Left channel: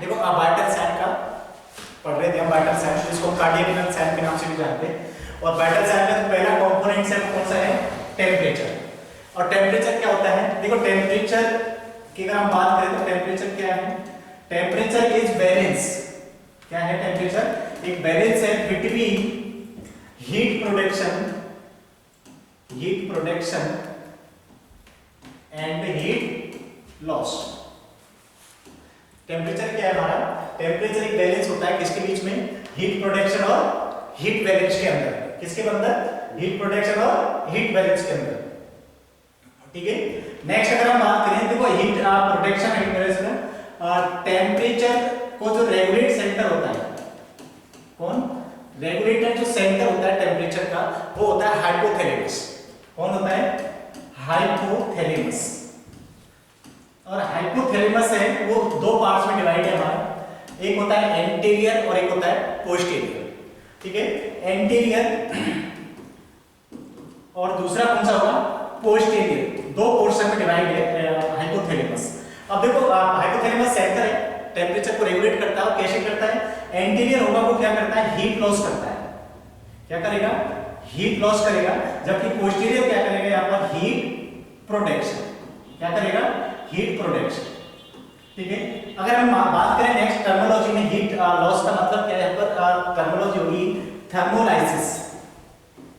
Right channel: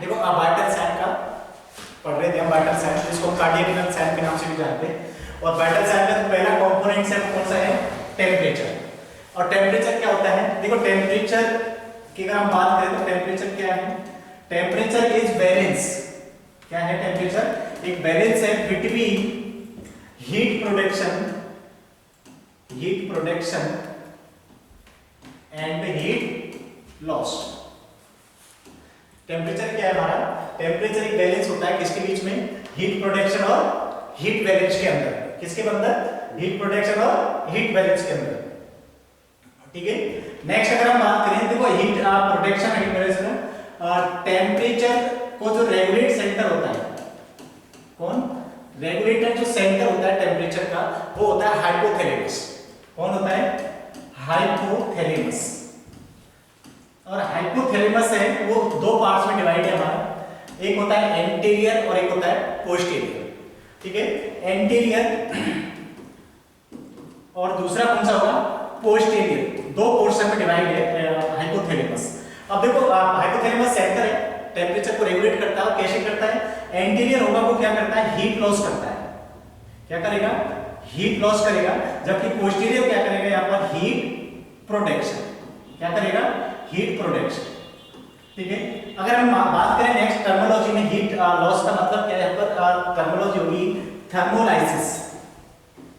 देखो Bartle sand का पढ़ रहे थे हम, बार्टल सैंड जिसको कार्डियक सैंड के नाम से भी जानते हैं। और बार्टल सैंड का पहला कंपोनेंट है कौन सा है? टेम्परेचर। और टेम्परेचर क्या होता है? देखो टेम्परेचर की अगर हम बात करें तो टेम्परेचर क्या है? Temperature is balance. क्या है टेम्परेचर? एक बैलेंस है between heat production and heat loss. Temperature क्या है हमारा? टेम्परेचर एक बैलेंस होता है किसके बीच में? हीट प्रोडक्शन और हीट बैलेंस के अंदर। किसके अंदर? हीट प्रोडक्शन और हीट बैलेंस के अंदर। ठीक है। नेक्स्ट अगर हम बात करें, देखो heat production heat balance, temperature को जो रेगुलेट सेंटर होता है, कौन रेगुलेटर जो सेंटर होता है टेम्परेचर का, वो होता है हाइपोथैलेमस। कौन होता है? हाइपोथैलेमस। और हाइपोथैलेमस है वो दो पार्ट्स में डिवाइड है हमारा, एक होता है एंटीरियर और एक होता है पोस्टीरियर। ठीक है। एंटीरियर और दूसरा कौन सा होगा? पोस्टीरियर। दो पोर्शन में डिवाइड है हाइपोथैलेमस। अब देखो हाइपोथैलेमस सेंटर है, टेम्परेचर को रेगुलेट करता है और कैसे करता है? एंटीरियर होगा वो क्या करता है? हीट लॉस करता है। क्या करेगा? हीट लॉस करेगा। जबकि पोस्टीरियर क्या करेगा? यहाँ पर हीट प्रोडक्शन। क्या करेगा? Heat production. ठीक है। अगर हम बात करें नेक्स्ट टर्मिनोलॉजी में, हीट लॉस का मतलब क्या है? यहाँ पर टर्मिनोलॉजी होगी थर्मोलाइसिस।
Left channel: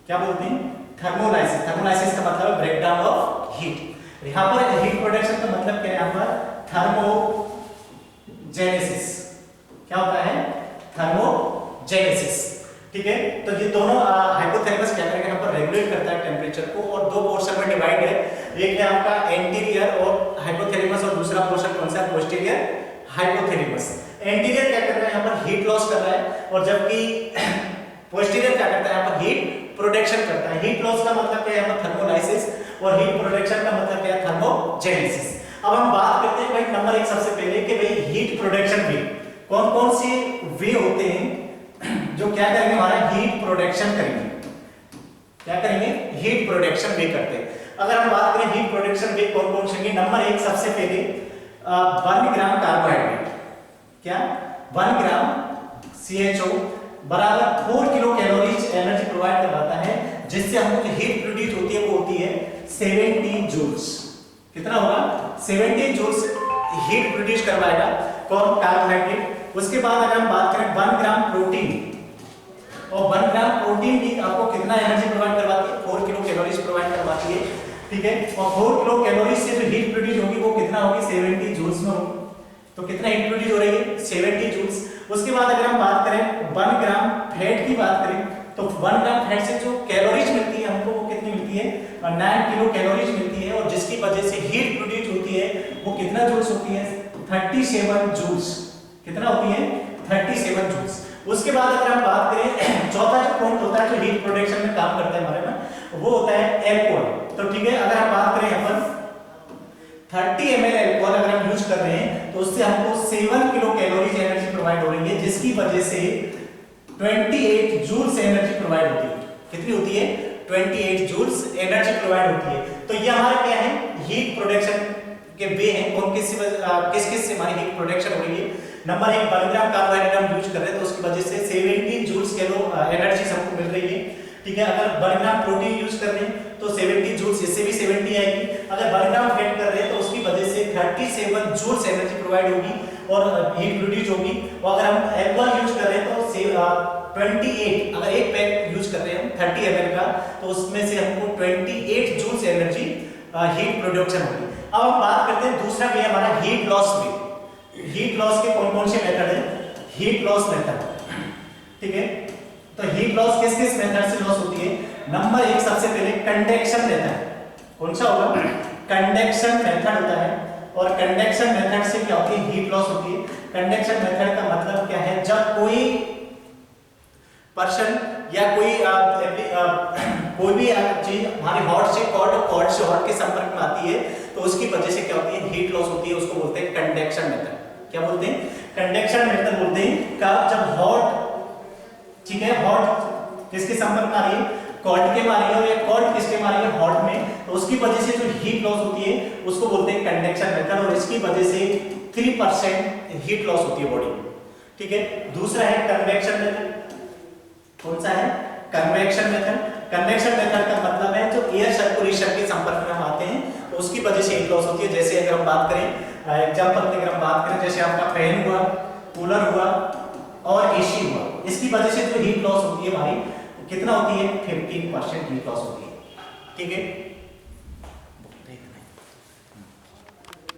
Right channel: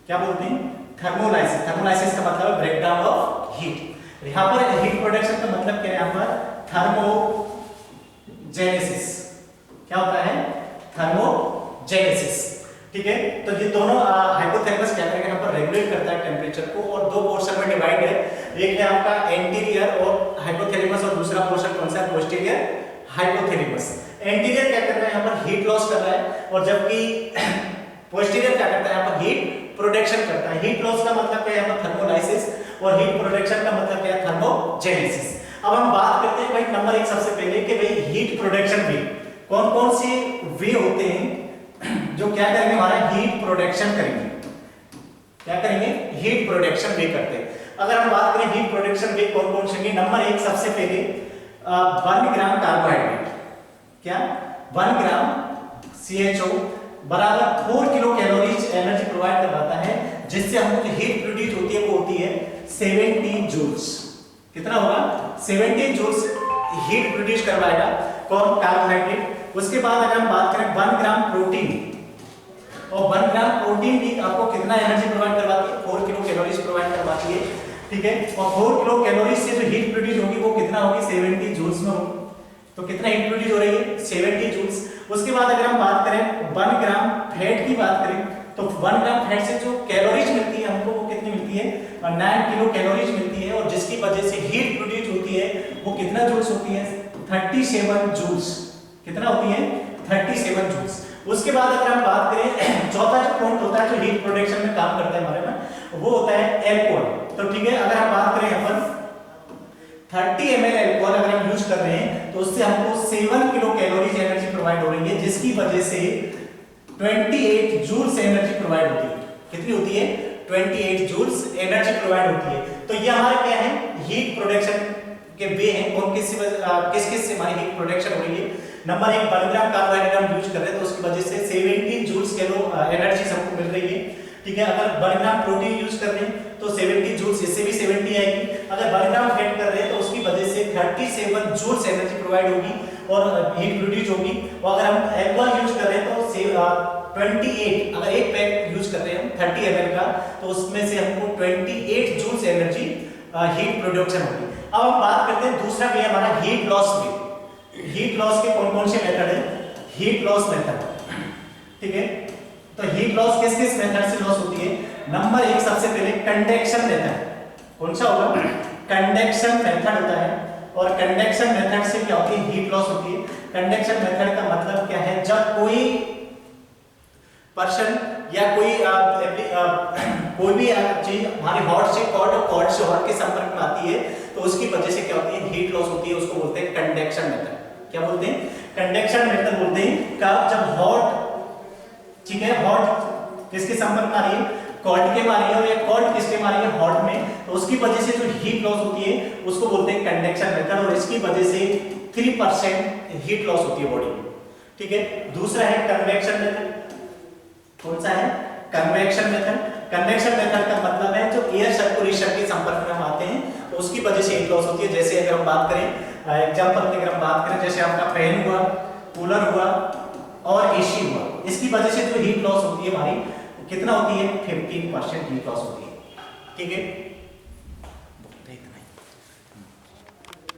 क्या बोलते हैं? थर्मोलाइसिस। थर्मोलाइसिस का मतलब है ब्रेकडाउन ऑफ हीट। यहाँ पर हीट प्रोडक्शन का मतलब क्या है? यहाँ पर थर्मोजेनेसिस। क्या होता है? थर्मोजेनेसिस। ठीक है। तो ये दोनों हाइपोथैलेमस क्या करेगा? यहाँ पर रेगुलेट करता है टेम्परेचर को, और दो पोर्शन में डिवाइड है। एक है आपका एंटीरियर और हाइपोथैलेमस, और दूसरा पोर्शन कौन सा है? Posterior hypothalamus. एंटीरियर क्या कर रहा है? यहाँ पर हीट लॉस कर रहा है, और जबकि पोस्टीरियर क्या करता है? यहाँ पर हीट प्रोडक्शन करता है। हीट लॉस का मतलब क्या है? यहाँ पर थर्मोलाइसिस, और हीट प्रोडक्शन का मतलब क्या है? थर्मोजेनेसिस। अब हम बात करते हैं भाई नंबर एक सबसे पहले कि भाई हीट प्रोडक्शन वे कौन कौन से वे होते हैं जो क्या करेंगे? हमारा हीट प्रोडक्शन करेंगे। क्या करेंगे? हीट प्रोडक्शन वे करते हैं। अगर हम बात करें हीट प्रोडक्शन वे कौन कौन से? नंबर एक सबसे पहले 1 ग्राम कार्बोहाइड्रेट। क्या? 1 ग्राम CHO बराबर 4 किलो कैलोरीज एनर्जी प्रोवाइड करवाता है, जिससे हमको जो हीट प्रोड्यूस होती है वो होती है 70 जूल्स। कितना होगा? 70 जूल्स हीट प्रोड्यूस करवाएगा कौन? कार्बोहाइड्रेट। उसके बाद अगर हम बात करें 1 ग्राम प्रोटीन, और 1 ग्राम प्रोटीन भी आपको कितना एनर्जी प्रोवाइड करवाती है? 4 किलो कैलोरीज प्रोवाइड करवाती है। ठीक है। और 4 किलो कैलोरीज से जो हीट प्रोड्यूस होगी वो कितना होगी? 70 जूल्स में होगी। तो कितना हीट प्रोड्यूस हो रही है? 70 जूल्स। उसके बाद अगर हम बात करें 1 ग्राम फैट की बात करें, तो 1 ग्राम फैट से जो कैलोरीज मिलती है हमको, वो कितनी मिलती है? 9 किलो कैलोरीज मिलती है, और जिसकी वजह से हीट प्रोड्यूस होती है वो कितना जूल्स होती है? 37 जूल्स। कितना होती है? 37 जूल्स। उसके बाद अगर हम बात करें चौथा जो पॉइंट होता है जो हीट प्रोडक्शन में काम करता है हमारे में, वो होता है एल्कोहल। तो ठीक है, अगर हम बात करें यहाँ पर 30 ml एल्कोहल अगर हम यूज कर रहे हैं, तो उससे हमको 7 किलो कैलोरीज एनर्जी प्रोवाइड हो रही है, जिसकी वजह से 28 जूल्स एनर्जी प्रोवाइड होती है। कितनी होती है? 28 जूल्स एनर्जी प्रोवाइड होती है। तो ये हमारा क्या है? हीट प्रोडक्शन के वे हैं। कौन किस किस से हमारी हीट प्रोडक्शन हो रही है? नंबर एक 1 ग्राम कार्बोहाइड्रेट हम यूज कर रहे हैं, तो उसकी वजह से 70 जूल्स कैलो एनर्जी हमको मिल रही है। ठीक है। अगर 1 ग्राम प्रोटीन यूज कर रहे हैं तो 70 जूल्स, इससे भी 70 आएगी। अगर 1 ग्राम फैट कर रहे हैं तो उसकी वजह से 37 जूल्स एनर्जी प्रोवाइड होगी और हीट प्रोड्यूस होगी। और अगर हम एल्कोहल यूज कर रहे हैं तो 28, अगर एक पैक यूज कर रहे हैं हम 30 ml का, तो उसमें से हमको 28 जूल्स एनर्जी हीट प्रोडक्शन होगी। अब हम बात करते हैं दूसरा वे हमारा हीट लॉस वे। हीट लॉस के कौन कौन से मेथड है? Heat loss method. ठीक है। तो हीट लॉस किस किस मेथड से लॉस होती है? नंबर एक सबसे पहले कंडक्शन मेथड। कौन सा होगा? कंडक्शन मेथड होता है। और कंडक्शन मेथड से क्या होती है? हीट लॉस होती है। कंडक्शन मेथड का मतलब क्या है? जब कोई पर्सन या कोई भी चीज हमारी हॉट से कॉल्ड और कॉल्ड से हॉट के संपर्क में आती है, तो उसकी वजह से क्या होती है? हीट लॉस होती है। उसको बोलते हैं कंडक्शन मेथड। क्या बोलते हैं? कंडक्शन मेथड बोलते हैं। कब? जब हॉट, ठीक है, हॉट किसके संपर्क में आ रही है? कॉल्ड के में आ रही है, और ये कॉल्ड किसके में आ रही है? हॉट में। तो उसकी वजह से जो हीट लॉस होती है उसको बोलते हैं कंडक्शन मेथड। और इसकी वजह से 3% हीट लॉस होती है बॉडी में, ठीक है। दूसरा है कन्वेक्शन मेथड। कौन सा है? Convection method. कन्वेक्शन मेथड का मतलब है जो एयर सर्कुलेशन के संपर्क में हम आते हैं तो उसकी वजह से हीट लॉस होती है। जैसे अगर हम बात करें एग्जांपल की, अगर हम बात करें जैसे आपका फैन हुआ, कूलर हुआ और एसी हुआ, इसकी वजह से जो हीट लॉस होती है हमारी कितना होती है? 15% हीट लॉस होती है, ठीक है।